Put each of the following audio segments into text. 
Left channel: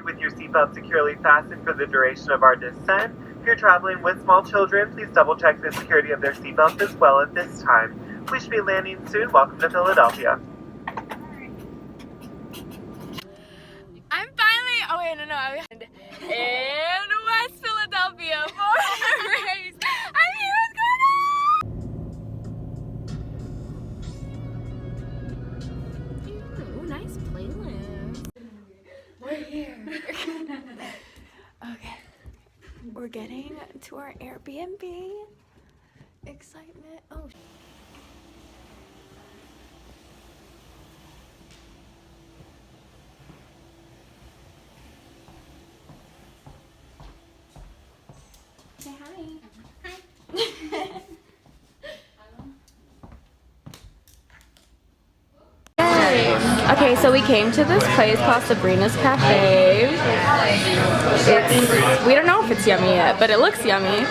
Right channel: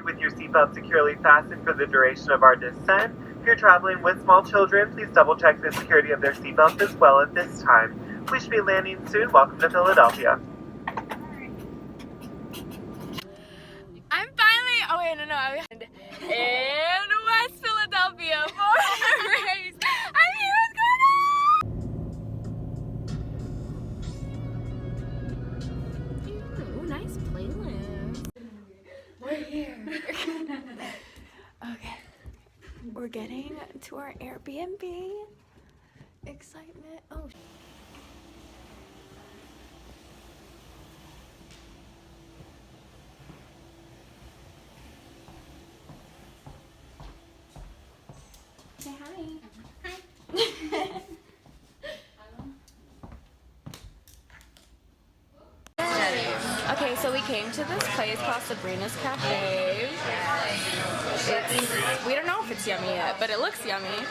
With your seatbelt securely fastened for the duration of our descent. If you're traveling with small children, please double check the security of their seatbelts as well at this time. We should be landing soon. Welcome to Philadelphia. I'm finally, oh wait, no, in West Philadelphia for a race. I'm here with Gwyneth. Ooh, nice playlist. We're here. Okay, we're getting to our Airbnb. Excitement. Oh. Say hi. Hi. Okay, so we came to this place called Sabrina's Cafe. We don't know if it's yummy yet, but it looks yummy.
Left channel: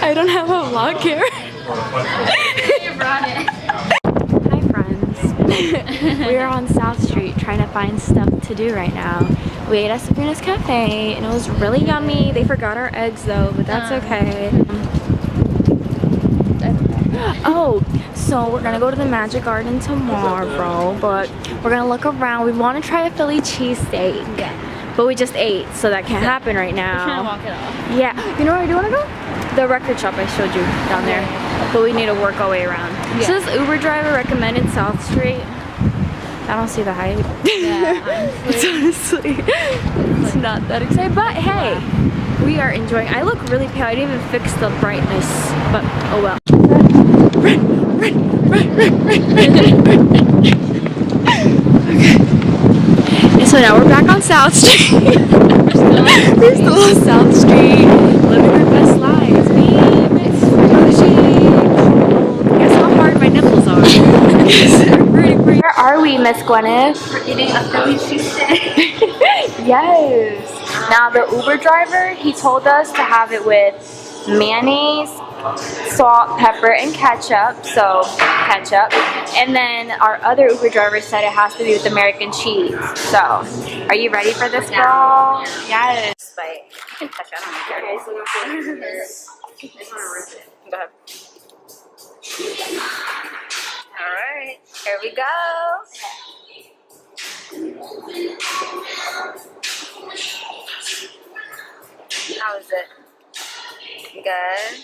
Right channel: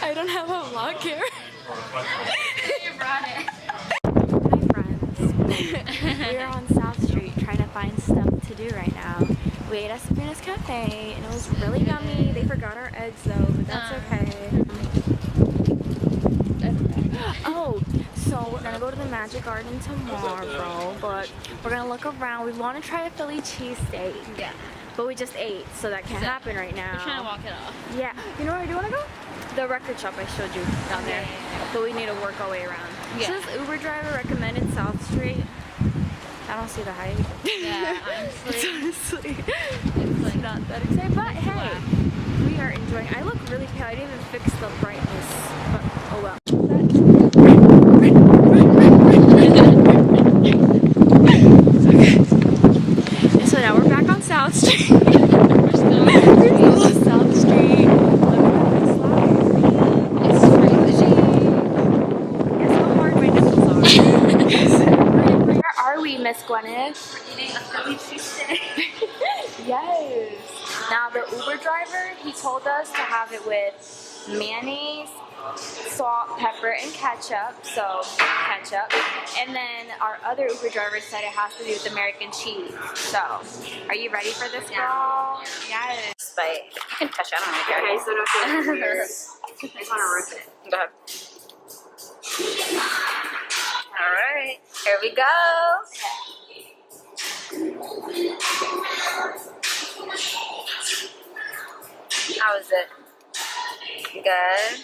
I don't have a vlog camera. You brought it. Hi friends. We are on South Street trying to find stuff to do right now. We ate at Sabrina's Cafe and it was really yummy. They forgot our eggs though, but that's okay. Oh, so we're gonna go to the Magic Garden tomorrow, but we're gonna look around. We want to try a Philly cheesesteak. Yeah. But we just ate, so that can't happen right now. We're trying to walk it off. Yeah. You know where I do want to go? The record shop I showed you down there. But we need to work our way around. Yeah. So this Uber driver recommended South Street. I don't see the hype. Yeah, honestly. It's not that exciting. But hey, we are enjoying. I look really pale. I didn't even fix the brightness. But oh well. Okay. And so now we're back on South Street. We're still on South Street, living our best lives, babe. It's bougie, cold. Guess how hard my nipples are. Where are we, Miss Gwyneth? We're eating a Philly cheesesteak. Yes. Now the Uber driver, he told us to have it with mayonnaise, salt, pepper, and ketchup. So ketchup. And then our other Uber driver said it has to be with American cheese. So, are you ready for this, girl? Yes. But you can touch it. I don't care. Okay, so no I just want to rip it. Go ahead. Alright, here we go. How is it? Good?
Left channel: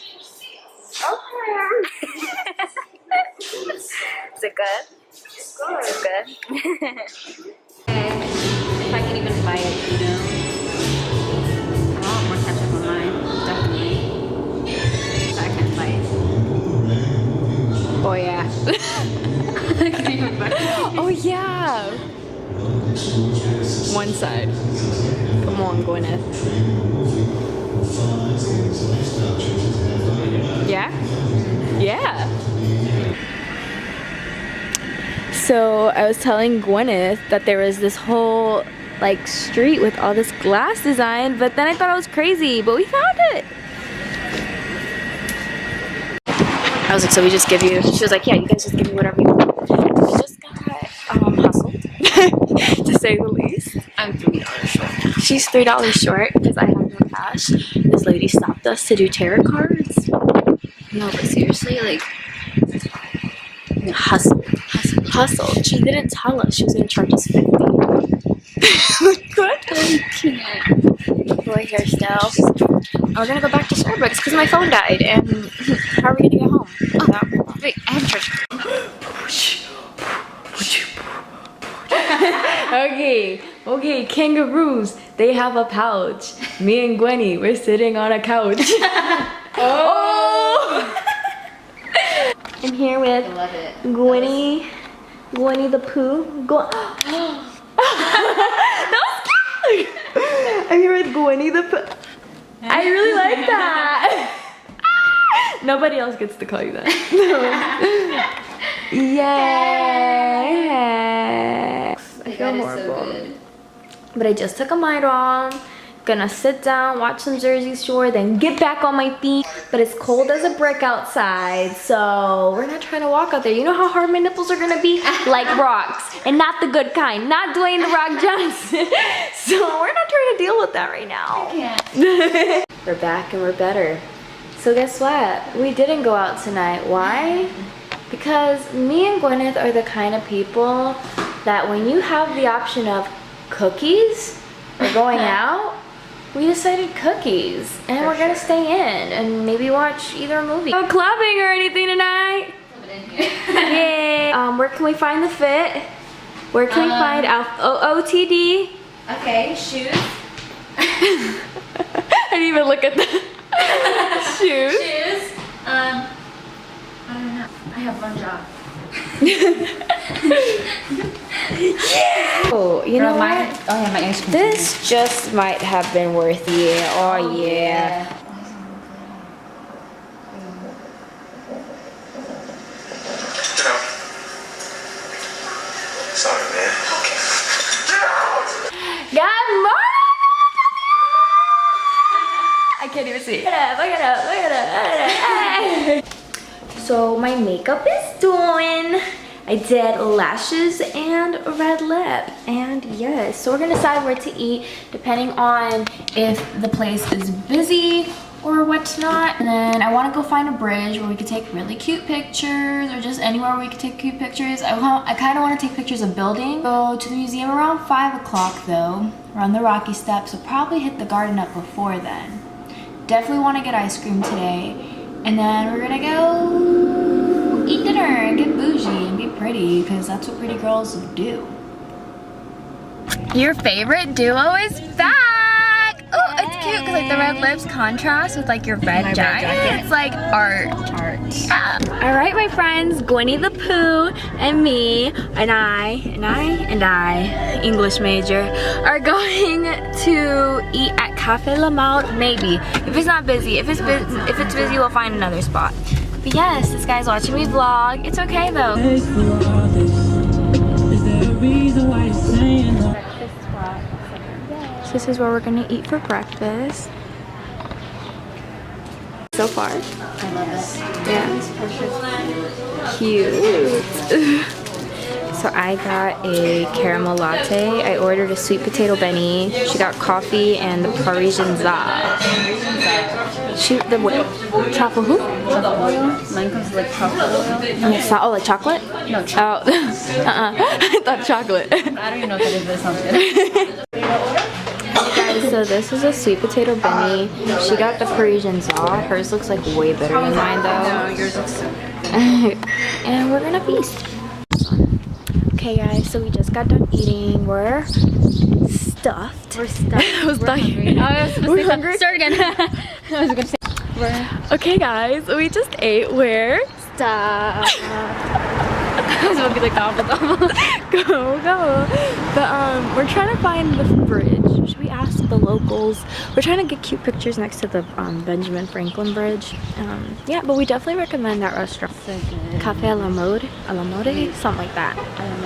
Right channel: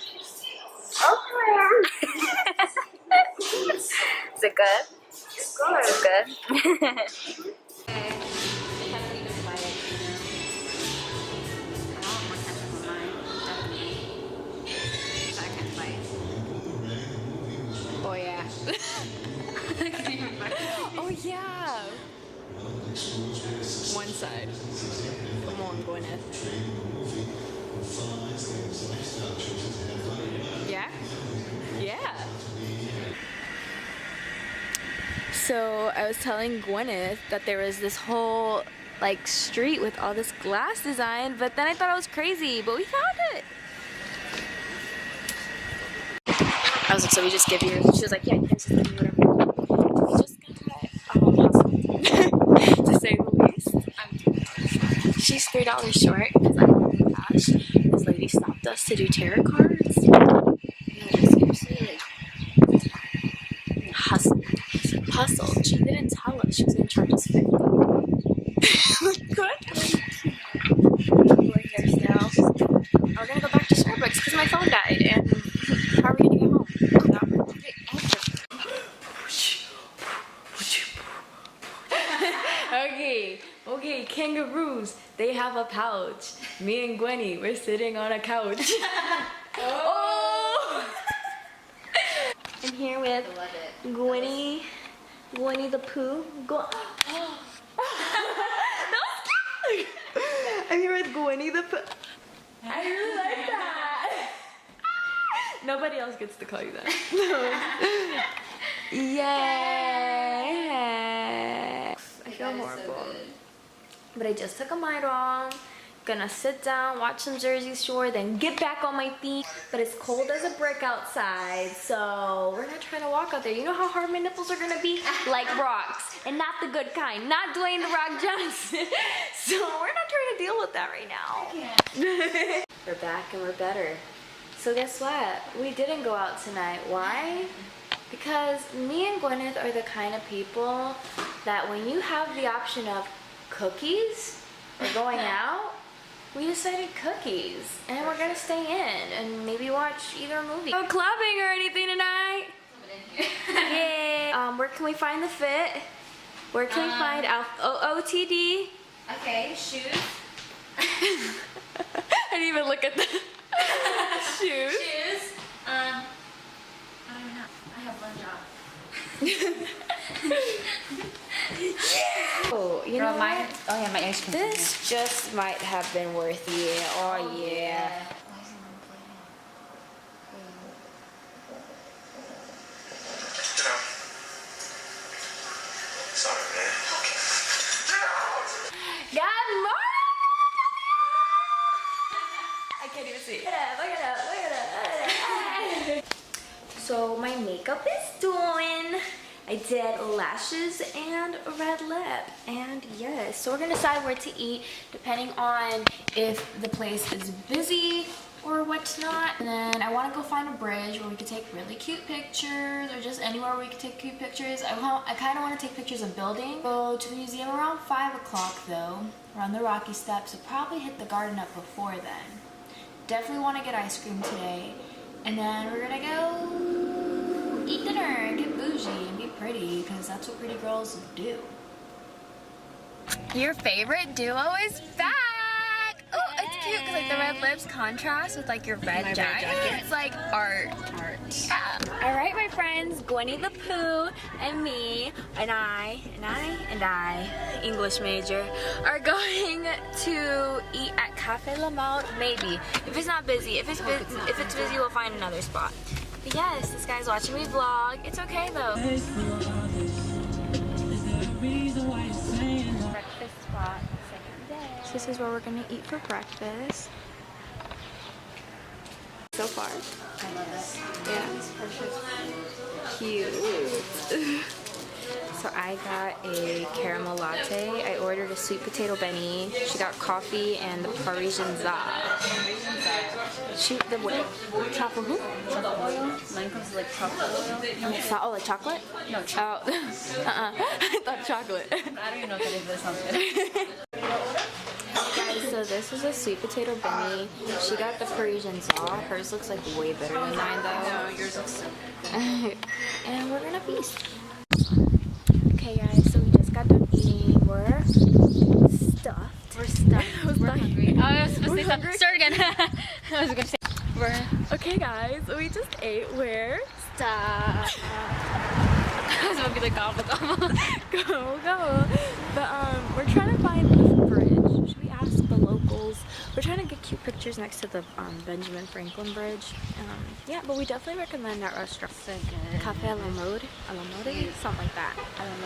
Okay. Is it good? It's good. It's good? If I can even buy it, you know. I want more ketchup on mine, definitely. So I can't buy it. Oh yeah. I can't even buy it. Oh yeah. One side. Come on, Gwyneth. Yeah? Yeah. So I was telling Gwyneth that there was this whole like street with all this glass design, but then I thought I was crazy, but we found it. I was like, so we just give you, she was like, yeah, you guys just give me whatever you want. We just got hustled, to say the least. I'm $3 short. She's $3 short because I have no cash. This lady stopped us to do tarot cards. No, but seriously, like, Hustled. She didn't tell us she was gonna charge us $50. What? We're here still. We're gonna go back to Starbucks because my phone died. And how are we gonna get home? oh, wait, I have church. Okay, kangaroos. They have a pouch. Me and Gwenny, we're sitting on a couch. Oh! I'm here with I love it. Gwenny the Pooh. That was cute! I'm here with Gwenny the Pooh. I really like that. Nobody else gets to call you that. Yeah. I feel horrible. So but I just took a Midol. Gonna sit down, watch some Jersey Shore, then get back on my feet. But it's cold as a brick outside, so we're not trying to walk out there. You know how hard my nipples are gonna be? Like rocks, and not the good kind, not Dwayne The Rock Johnson. So we're not trying to deal with that right now. We're back and we're better. So guess what? We didn't go out tonight. Why? Because me and Gwyneth are the kind of people that when you have the option of cookies or going out, we decided cookies, and we're gonna stay in and maybe watch either a movie. No clubbing or anything tonight. Yeah. Where can we find the fit? Where can we find OOTD? Okay, shoes. I didn't even look at the shoes. Shoes. I don't know. I have one job. Oh, you know what? Oh yeah, my ice cream. This just might have been worth it. Oh yeah. Sorry, man. Good morning! I can't even see. Look at it. So my makeup is done. I did lashes and a red lip, and yes, so we're gonna decide where to eat depending on if the place is busy or whatnot. And then I want to go find a bridge where we could take really cute pictures, or just anywhere where we could take cute pictures. I kind of want to take pictures of building. Go to the museum around 5 o'clock though, run the Rocky Steps, so probably hit the garden up before then. Definitely want to get ice cream today, and then we're gonna go eat dinner and get bougie and be pretty, because that's what pretty girls do. Your favorite duo is back! Oh, it's cute because like the red lips contrast with like your red jacket. It's like art. Yeah. All right, my friends, Gwyneth the Pooh and me and I, English major, are going to eat at Cafe La Mode. Maybe if it's not busy. If it's busy, we'll find another spot. But yes, this guy's watching me vlog. It's okay though. This is where we're gonna eat for breakfast. So far. I love it. Yeah. Cute. So I got a caramel latte. I ordered a sweet potato Benny. She got coffee and the Parisian za. Truffle who? Truffle oil. Mine comes with like truffle oil. Oh, like chocolate? No, chocolate. Oh, I thought chocolate. I don't even know what that is, but it sounds good. Guys, so this is a sweet potato Benny. She got the Parisian za. Hers looks like way better than mine though. No, yours looks so good. And we're gonna feast. Okay guys, so we just got done eating. We're stuffed. We're stuffed. We're hungry. Oh, I was supposed to say hungry? start again. I was gonna say Okay guys, we just ate. We're stuffed. I was supposed to be like gobble. Go. But we're trying to find the bridge. Should we ask the locals? We're trying to get cute pictures next to the Benjamin Franklin Bridge. Yeah, but we definitely recommend that restaurant. Cafe La Mode, something like that.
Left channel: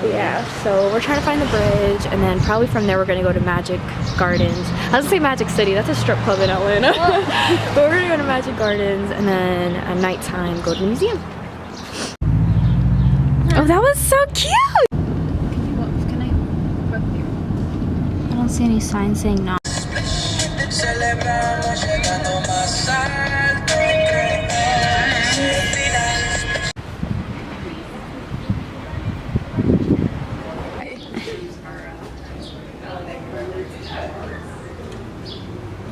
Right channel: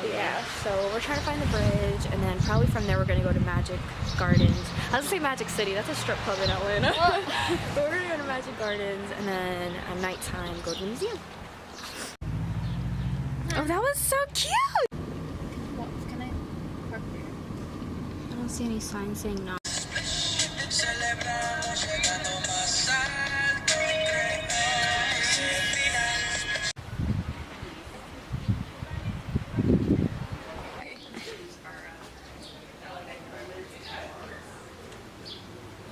Yeah, so we're trying to find the bridge, and then probably from there we're gonna go to Magic Gardens. I was gonna say Magic City, that's a strip club in Atlanta. But we're gonna go to Magic Gardens, and then at nighttime go to the museum. Oh, that was so cute! Can I park here? I don't see any signs saying no.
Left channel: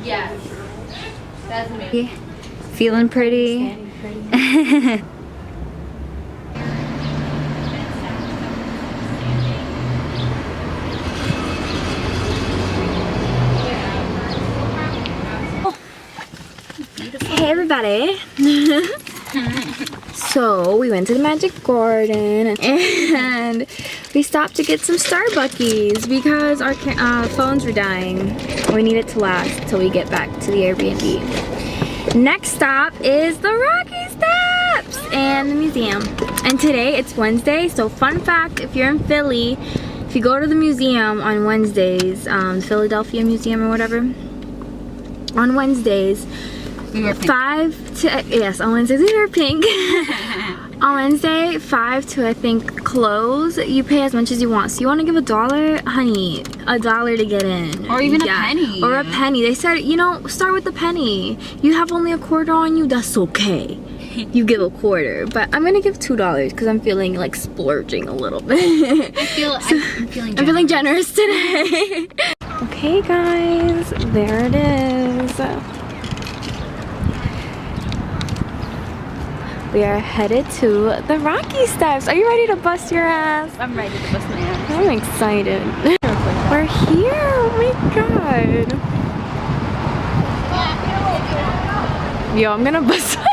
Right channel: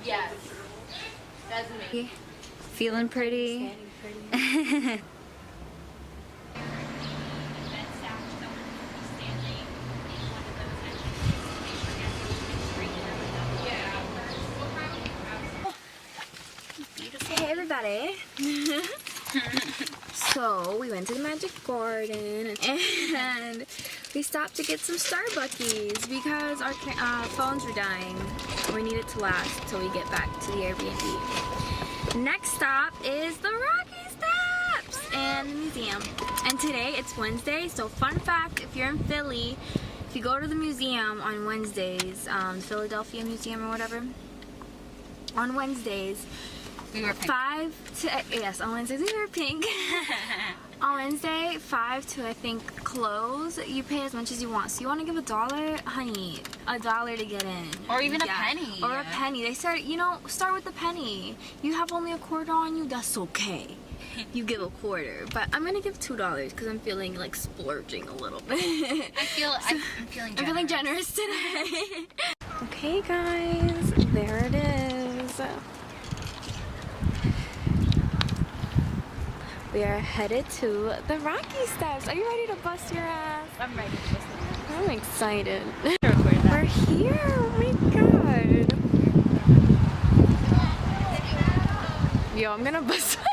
Yeah. That's me. Feeling pretty. Hey everybody! So we went to the Magic Garden and we stopped to get some Starbuckies because our phones were dying. We need it to last until we get back to the Airbnb. Next stop is the Rocky Steps and the museum. And today it's Wednesday, so fun fact, if you're in Philly, if you go to the museum on Wednesdays, Philadelphia Museum or whatever, on Wednesdays. We were pink. 5 to, yes, on Wednesdays we wear pink. On Wednesday, 5 to I think close. You pay as much as you want. So you want to give $1, honey, $1 to get in. Or even a penny. Or a penny. They said, you know, start with a penny. You have only a quarter on you, that's okay. You give a quarter, but I'm gonna give $2 because I'm feeling like splurging a little bit. I'm feeling generous. I'm feeling generous today. Okay, guys, there it is. We are headed to the Rocky Steps. Are you ready to bust your ass? I'm ready to bust my ass. I'm excited. We're here. Oh my god. Yo, I'm gonna bust my ass.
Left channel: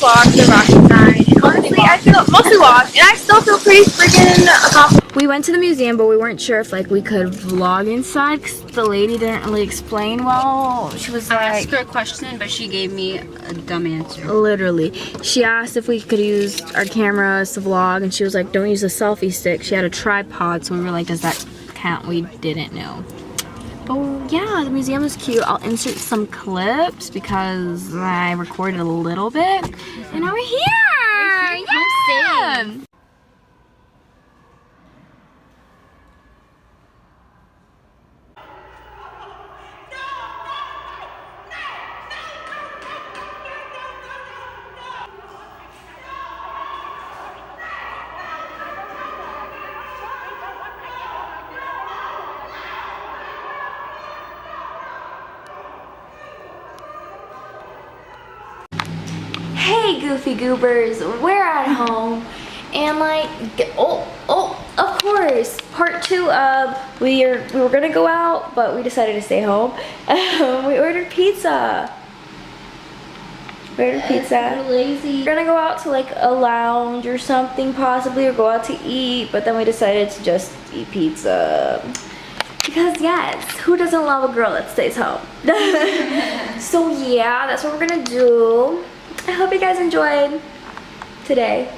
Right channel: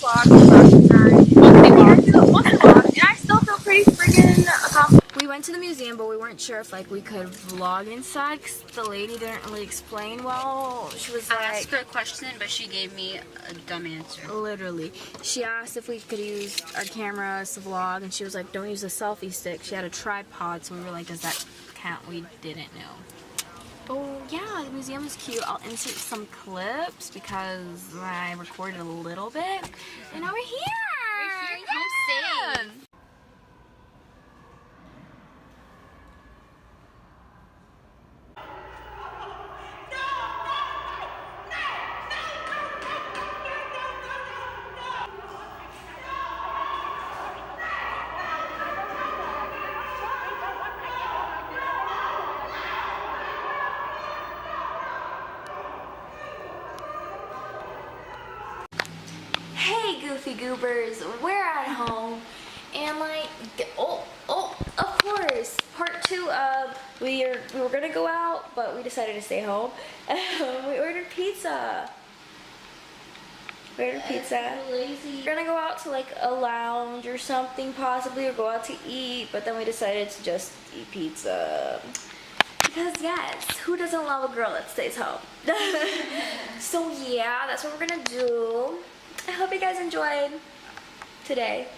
Walk the Rocky side. Honestly, I feel mostly walk, and I still feel pretty friggin' accomplished. We went to the museum, but we weren't sure if like we could vlog inside because the lady didn't really explain well. She was I like, asked her a question, but she gave me a dumb answer. literally, she asked if we could use our cameras to vlog, and she was like, "Don't use a selfie stick." She had a tripod, so we were like, "Does that count?" We didn't know. Oh yeah, the museum is cute. I'll insert some clips because I recorded a little bit. And now we're here! Yeah! Hey Goofy Goobers, we're at home and like, of course, part 2 of we were gonna go out, but we decided to stay home. We ordered pizza. Lazy. We're gonna go out to like a lounge or something possibly, or go out to eat, but then we decided to just eat pizza. Because yes, who doesn't love a girl that stays home? So yeah, that's what we're gonna do. I hope you guys enjoyed today.